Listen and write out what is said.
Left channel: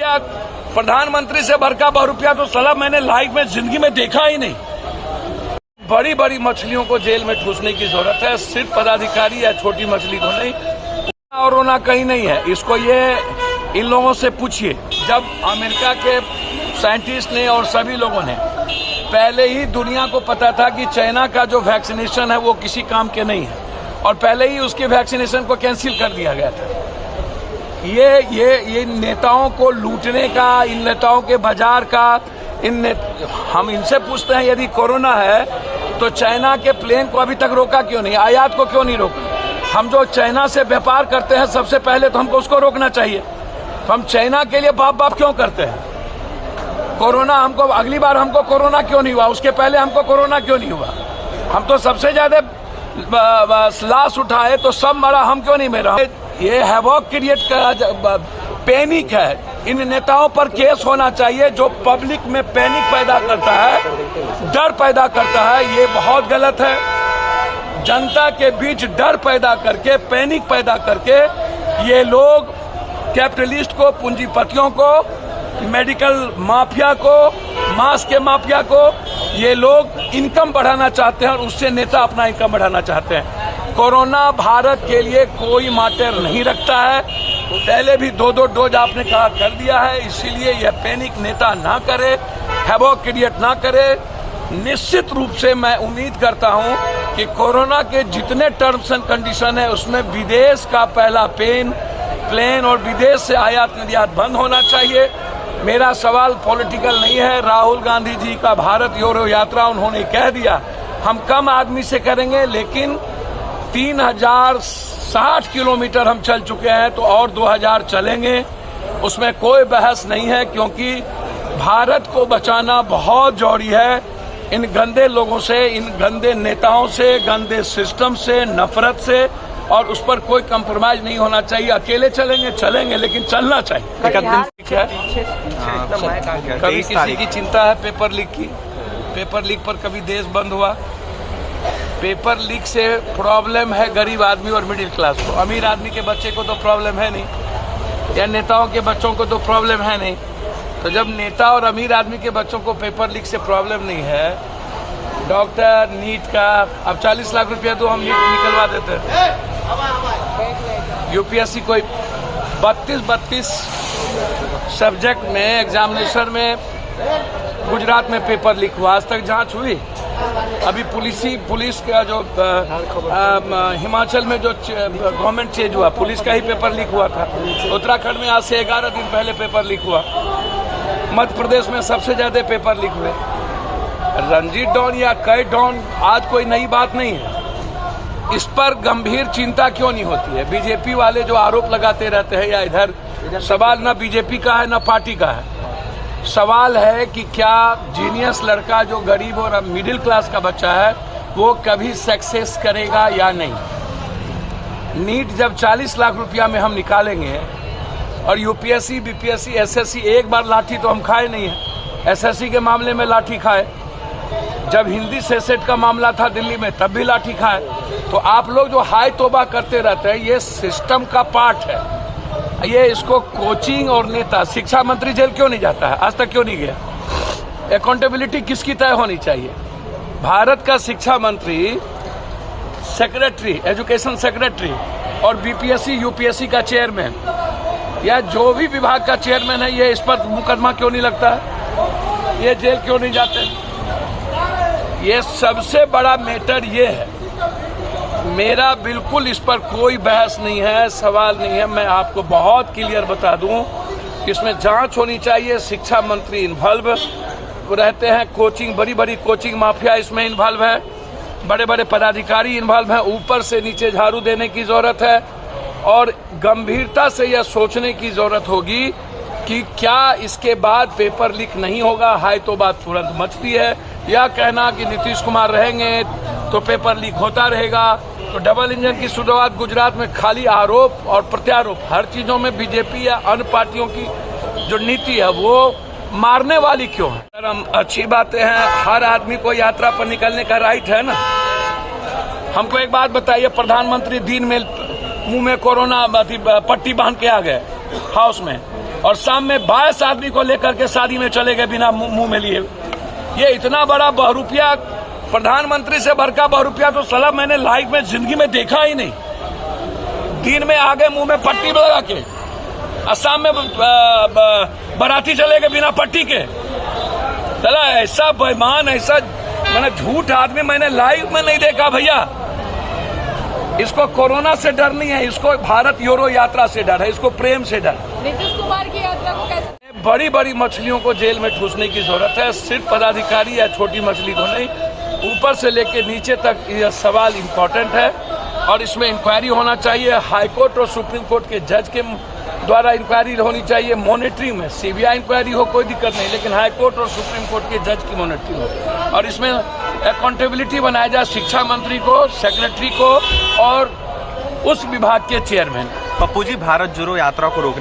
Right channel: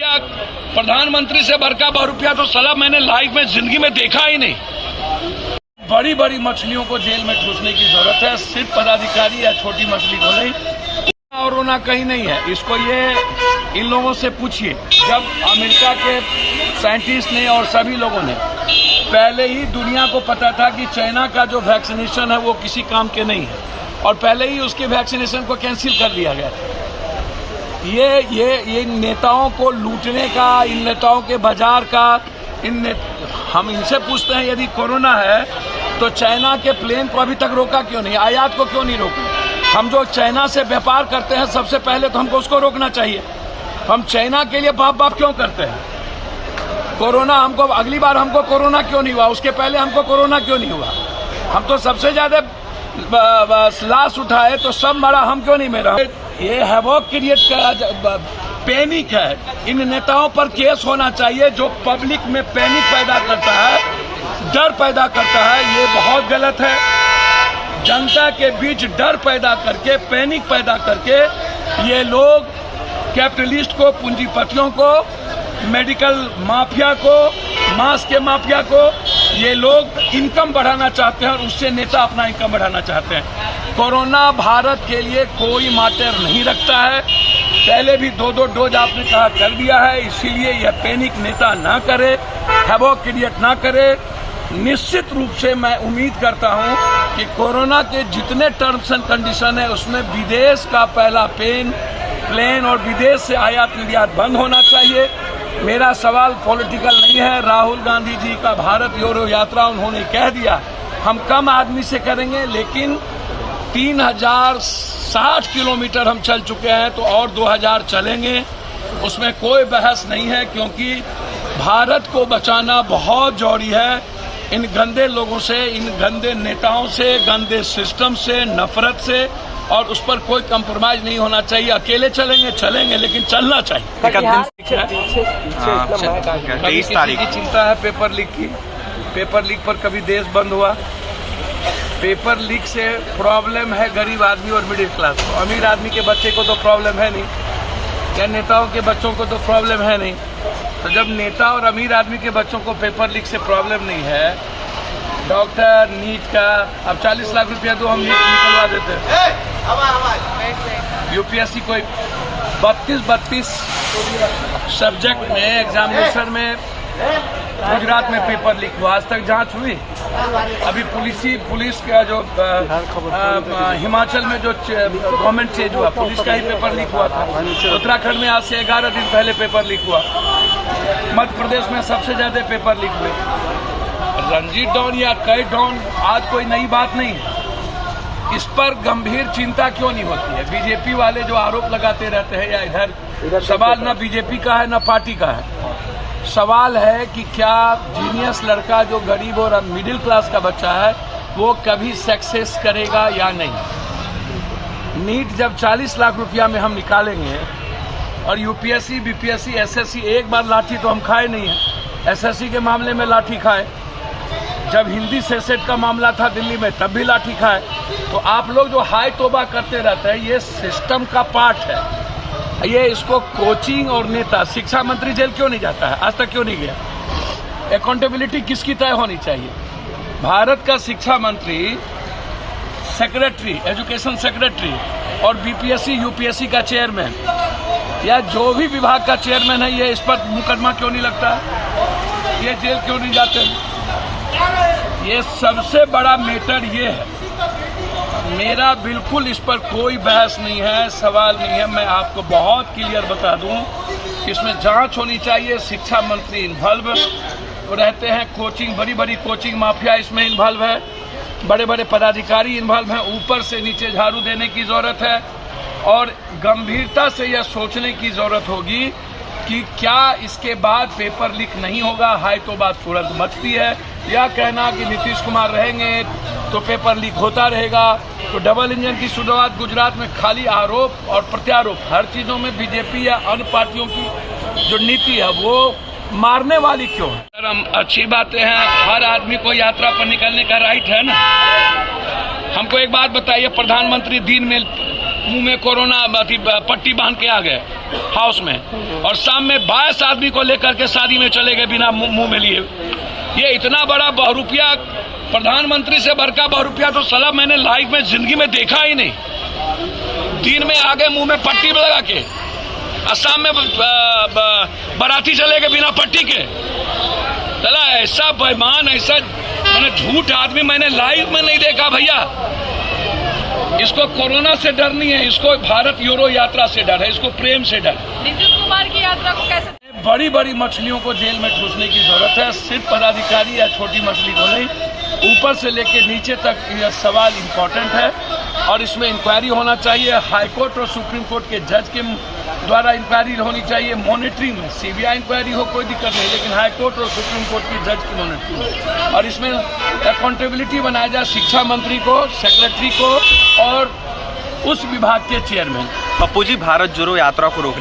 क्या प्रधानमंत्री से बड़का ₹1 तो साला मैंने लाइफ में जिंदगी में देखा ही नहीं। बड़ी बड़ी मछलियों को जेल में ठूसने की जरूरत है, सिर्फ पदाधिकारी या छोटी मछली को नहीं। और रोना कहीं नहीं है, इसको ये इन लोगों से पूछिए। जब अमेरिका के साइंटिस्ट ने और सभी लोगों ने पहले ही दुनिया को पता था कि चाइना का जो वैक्सीनेशन है वो किसी काम के नहीं है और पहले ही उसके वैक्सीनेशन को कैंसिल कर दिया गया था। ये नेताओं को लूटने का, इन नेताओं के बाजार का, हम इनसे पूछते हैं यदि कोरोना है तो चाइना के प्लेन को अभी तक रोका क्यों नहीं, आयात को क्यों नहीं रोका? हम जो चाइना से व्यापार करते हैं सबसे पहले तो हमको उसको रोकना चाहिए। तो हम चाइना के लिए बाप बाप क्यों करते हैं? कोरोना हमको अगली बार हमको कोरोना क्यों नहीं हुआ, उसके पहले हमको कोरोना क्यों नहीं हुआ? हम तो सबसे ज्यादा लाश उठाए तो सब मरा, हम क्यों नहीं मरा? ये हैवॉक क्रिएट का पैनिक है। इन नेताओं पर केस होना चाहिए जो पब्लिक में पैनिक पैदा करता है, डर पैदा करता है। ये बहुत गलत है। जनता के बीच डर पैदा करके, पैनिक पैदा करके ये लोग कैपिटलिस्ट को, पूंजीपतियों को, मेडिकल माफिया को, मांस के माफिया को, ये लोग इनकम बढ़ाना चाहते हैं और उससे नेता अपना इनकम बढ़ाना चाहते हैं। कोरोना भारत के लिए कोई मैटर नहीं रखता है। पहले भी 2 डोज आपने कहा कर दिया है, इसीलिए यह पैनिक नेता ना करे, हैवॉक क्रिएट ना करे। निश्चित रूप से मैं उम्मीद करता हूं कि कोरोना के जितने टर्म्स एंड कंडीशन है उसमें विदेश का पहला प्लेन और विदेश से आयात निर्यात बंद होना चाहिए। मेरा सवाल पॉलिटिकल नहीं है। राहुल गांधी जी का भारत जोड़ो यात्रा उन्होंने कह दिया हम कम आदमी से करेंगे, लेकिन 3060 किलोमीटर हम चल चुके हैं तो और 2000 चलेंगे, उसमें कोई बहस नहीं है। क्योंकि भारत को बचाना बहुत जरूरी है इन गंदे लोगों से, इन गंदे नेताओं से, गंदे सिस्टम से, नफरत से, और उस पर कोई कंप्रोमाइज नहीं होना चाहिए। अकेले चलेंगे लेकिन चलना चाहिए। एक दिन कभी किसी की चिंता है पेपर लीक की? पेपर लीक पर कभी देश बंद हुआ? पेपर लीक से प्रॉब्लम है गरीब आदमी और मिडिल क्लास को। अमीर आदमी के बच्चे को तो प्रॉब्लम है नहीं, या नेताओं के बच्चों को तो प्रॉब्लम है नहीं। तो जब नेता और अमीर आदमी के बच्चों को पेपर लीक से प्रॉब्लम नहीं है, डॉक्टर नीट का अब 40 लाख रुपया दो, हम नीट निकलवा देते हैं। यूपीएससी कोई 32 सब्जेक्ट में एग्जामिनेशन में गुजरात में पेपर लीक हुआ, आज तक जांच हुई? अभी पुलिस का जो हिमाचल में जो गवर्नमेंट चेंज हुआ, पुलिस का ही पेपर लीक हुआ था। उत्तराखंड में आज से 11 दिन पहले पेपर लीक हुआ। मध्य प्रदेश में सबसे ज्यादा पेपर लीक हुए। रणजीत डॉन या कई डॉन आज कोई नई बात नहीं है। इस पर गंभीर चिंता क्यों नहीं होती है? बीजेपी वाले जो आरोप लगाते रहते हैं, या इधर सवाल न बीजेपी का है न पार्टी का है, सवाल है कि क्या जीनियस लड़का जो गरीब और मिडिल क्लास का बच्चा है वो कभी सक्सेस करेगा या नहीं? नीट जब 40 लाख रुपया में हम निकालेंगे और यूपीएससी, बीपीएससी, एसएससी, एक बार लाठी तो हम खाए नहीं है। एसएससी के मामले में लाठी खाए, जब हिंदी सेट का मामला था दिल्ली में तब भी लाठी खाए। तो आप लोग जो हाय तोबा करते रहते हैं, ये सिस्टम का पार्ट है। ये इसको कोचिंग और नेता, शिक्षा मंत्री जेल क्यों नहीं जाता है? आज तक क्यों नहीं गया? अकाउंटेबिलिटी किसकी तय होनी चाहिए? भारत का शिक्षा मंत्री, सेक्रेटरी, एजुकेशन सेक्रेटरी और बीपीएससी, यूपीएससी का चेयरमैन या जो भी विभाग का चेयरमैन है, ये इस पर मुकदमा क्यों नहीं लगता है? ये जेल क्यों नहीं जाते? ये सबसे बड़ा मैटर ये है। मेरा बिल्कुल इस पर कोई बहस नहीं है, सवाल नहीं है। मैं आपको बहुत क्लियर बता दूं कि इसमें जांच होनी चाहिए। शिक्षा मंत्री इन्वॉल्व रहते हैं, कोचिंग, बड़ी बड़ी कोचिंग माफिया इसमें इन्वॉल्व है, बड़े बड़े पदाधिकारी इन्वॉल्व हैं। ऊपर से नीचे झाड़ू देने की जरूरत है और गंभीरता से यह सोचने की जरूरत होगी कि क्या इसके बाद पेपर लीक नहीं होगा। हाय तो बात तुरंत मचती है, या कहना कि नीतीश कुमार रहेंगे तो पेपर लीक होता रहेगा। तो डबल इंजन की शुरुआत गुजरात में खाली आरोप और प्रत्यारोप, हर चीजों में बीजेपी या अन्य पार्टियों की जो नीति है वो मारने वाली क्यों है? सर, हम अच्छी बातें हैं, हर आदमी को यात्रा पर निकलने का राइट है ना। हमको एक बात बताइए, प्रधानमंत्री दिन में मुंह में कोरोना पट्टी बांध के आ गए हाउस में, और शाम में 22 आदमी को लेकर के शादी में चले गए बिना मुंह में लिए। ये इतना बड़ा बहुरूपिया, प्रधानमंत्री से बढ़कर बहुरूपिया तो साला मैंने लाइफ में जिंदगी में देखा ही नहीं। दिन में आगे मुंह में पट्टी लगा के, असम में बाराती चले गए बिना पट्टी के। चला ऐसा बेईमान, ऐसा मैंने झूठ आदमी मैंने लाइव में नहीं देखा भैया। इसको कोरोना से डर नहीं है, इसको भारत यूरो यात्रा से डर है, इसको प्रेम से डर। नीतीश कुमार की यात्रा को कैसे? बड़ी बड़ी मछलियों को जेल में ठूसने की जरूरत है, सिर्फ पदाधिकारी या छोटी मछली को नहीं, ऊपर से लेकर नीचे तक यह सवाल इम्पोर्टेंट है और इसमें इंक्वायरी होना चाहिए। हाईकोर्ट और सुप्रीम कोर्ट के जज के द्वारा इंक्वायरी होनी चाहिए। मॉनिटरिंग में सीबीआई इंक्वायरी हो कोई दिक्कत नहीं, लेकिन हाईकोर्ट और सुप्रीम कोर्ट के जज की मॉनिटरिंग हो और इसमें अकाउंटेबिलिटी बनाया जाए शिक्षा मंत्री को, सेक्रेटरी को और उस विभाग के चेयरमैन। पप्पू जी, भारत जोड़ो यात्रा को रोकने